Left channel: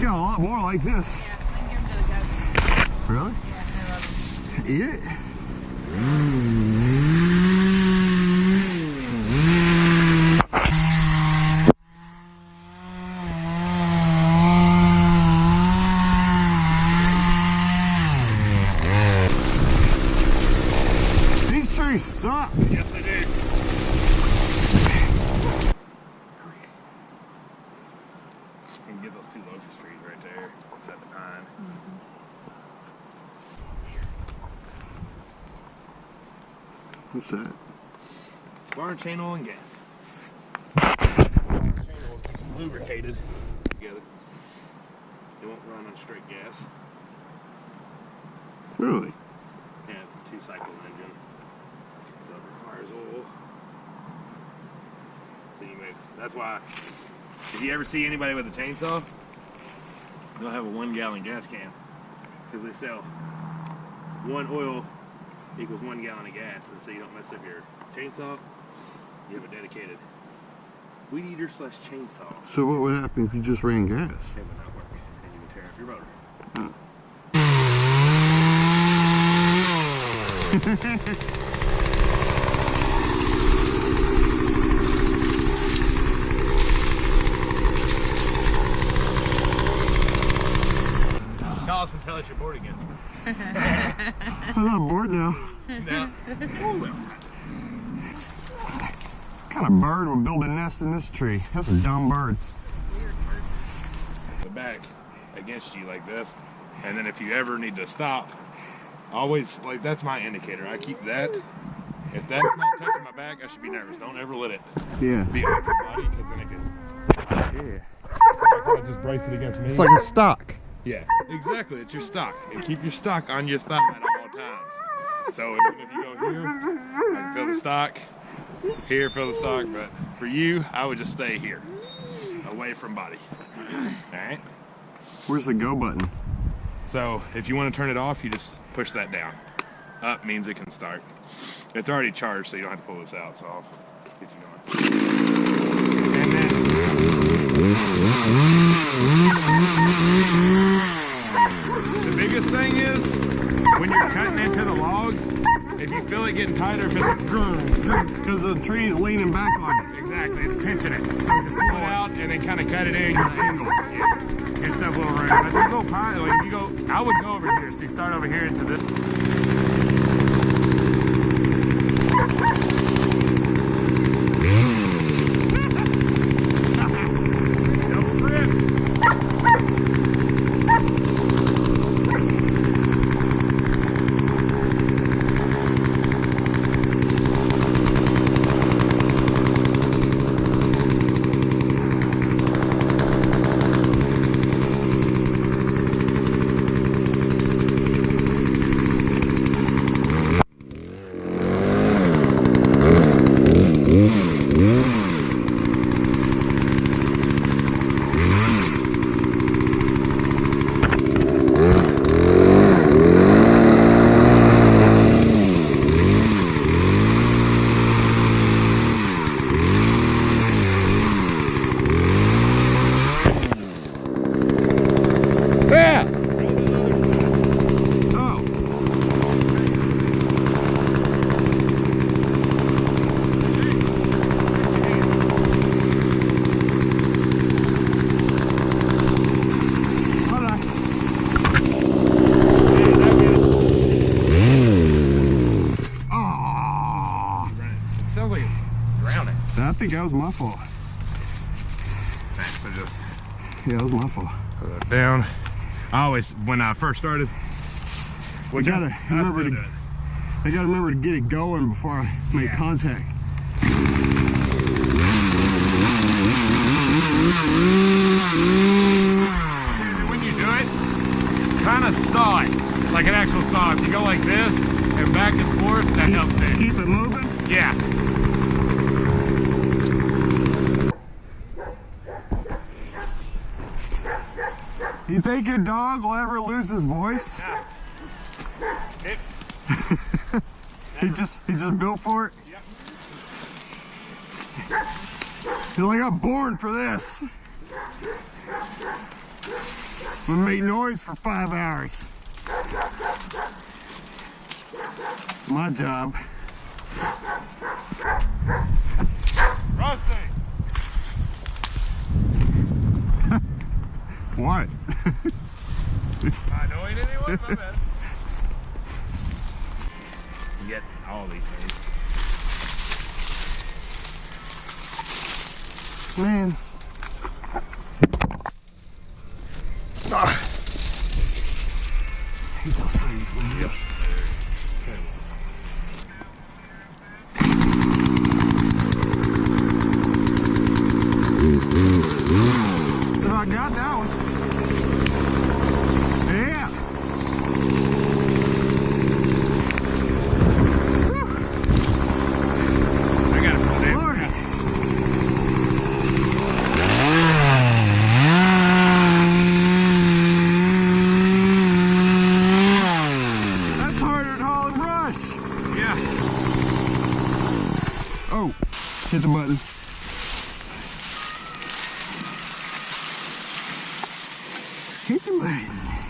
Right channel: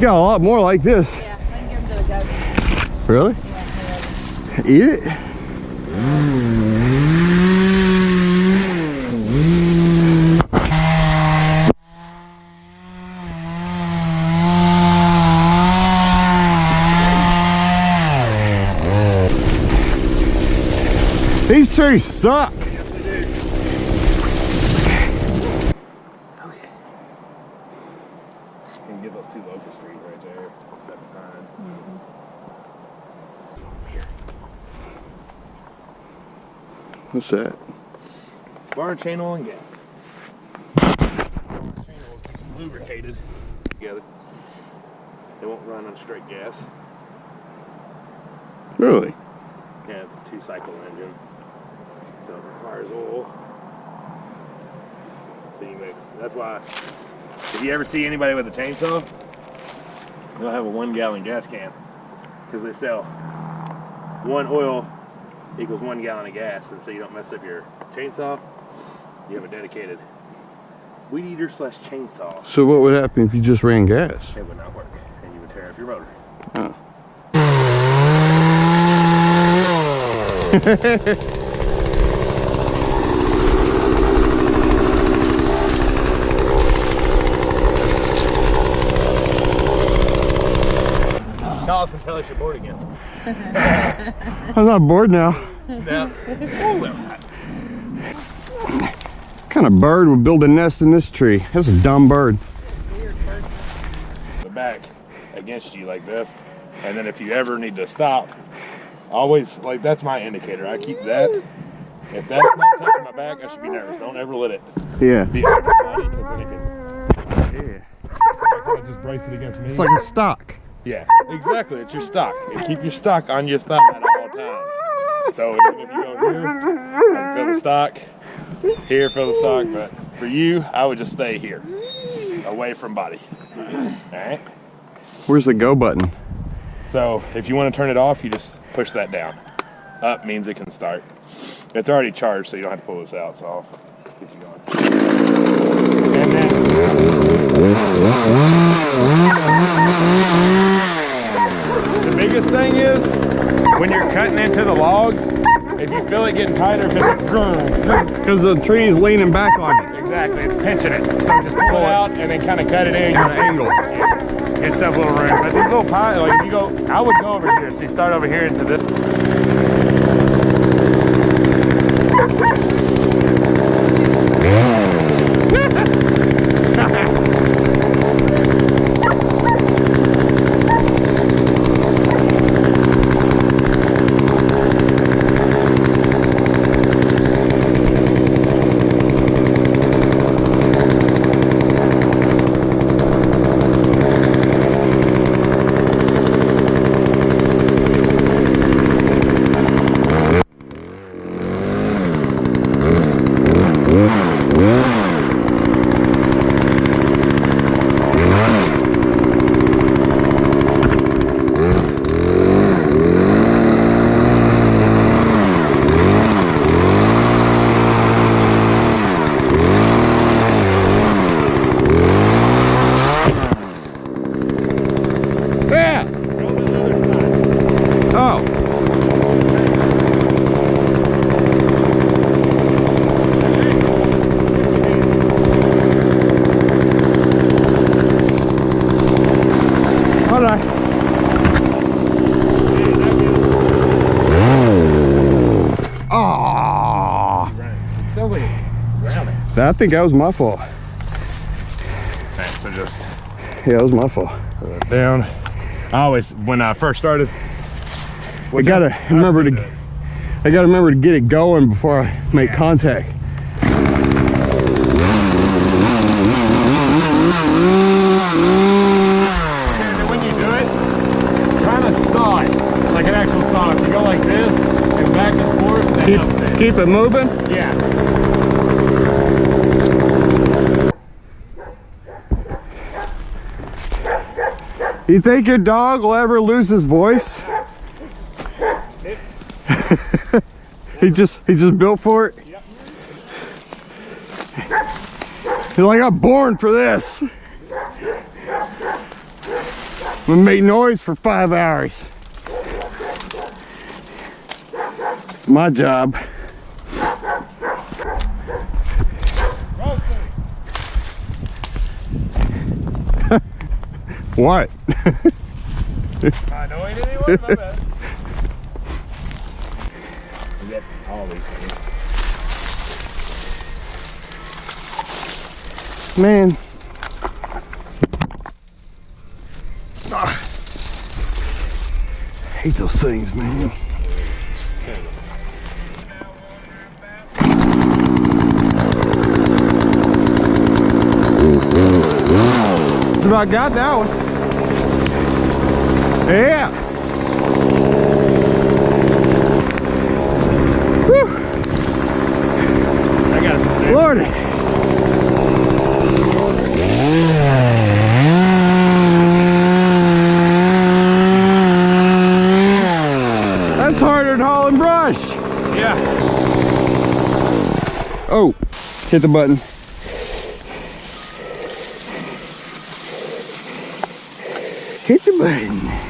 You got a lot more like this. Yeah, I can give them to the goats. Really? Yeah, Eat it? These trees suck. Yes, they do. Okay. You can get those two locust trees right there. Set behind. Here. What's that? Barn chain oil and gas. Barn chain oil keeps them lubricated together. They won't run on straight gas. Really? Yeah, it's a 2-cycle engine, so it requires oil. So you mix. That's why, if you ever see anybody with a chainsaw, they'll have a 1-gallon gas can, because they sell 1 oil equals 1 gallon of gas, and so you don't mess up your chainsaw. You have a dedicated weed eater / chainsaw. So what would happen if you just ran gas? It would not work, and you would tear up your motor. Oh. Call us and tell us you're bored again. I'm not bored now. No. Ooh, that was hot. What kind of bird would build a nest in this tree? That's a dumb bird. weird person. The back against you like this, and then if you ever need to stop, always, like, that's my indicator. I keep that. If that's not touching my back, I should be nervous. Don't ever let it Yeah. be on your body, because then it could. Yeah. I kind of just brace it against me. It's like a stock. Yeah, exactly. It's your stock. And keep your stock on your thigh at all times. So even if you go here, I can feel the stock. Here, feel the stock. But for you, I would just stay here, away from body. All right. Where's the go button? So if you want to turn it off, you just push that down. Up means it can start. It's already charged, so you don't have to pull this out. So I'll get you going. And then the biggest thing is when you're cutting into the log, if you feel it getting tighter, if it's Because the tree is leaning back on it. exactly, it's pinching it. So just pull it out and then kind of cut it in at an angle. Yeah. Give yourself a little room. But there's a little pie, like if you go, I would go over here. So you start over here into this. I think that was my fault. Alright, so just Yeah, that was my fault. put it down. I always, when I first started, I gotta remember to get it going before I make contact. And when you do it, kind of saw it like an actual saw. If you go like this and back and forth, that helps it. Keep it moving? Yeah. You think your dog will ever lose his voice? He just built for it? Yep. He's like, I'm born for this. gonna make noise for 5 hours. It's my job. Rusty! What? Annoying anyone? My bad. You get all these things. Man. Ah. Hate those things, man. It's about got that one. Yeah. Whew. I got it for the next Lordy. That's harder than hauling brush. Yeah. Oh, hit the button. Hit the button.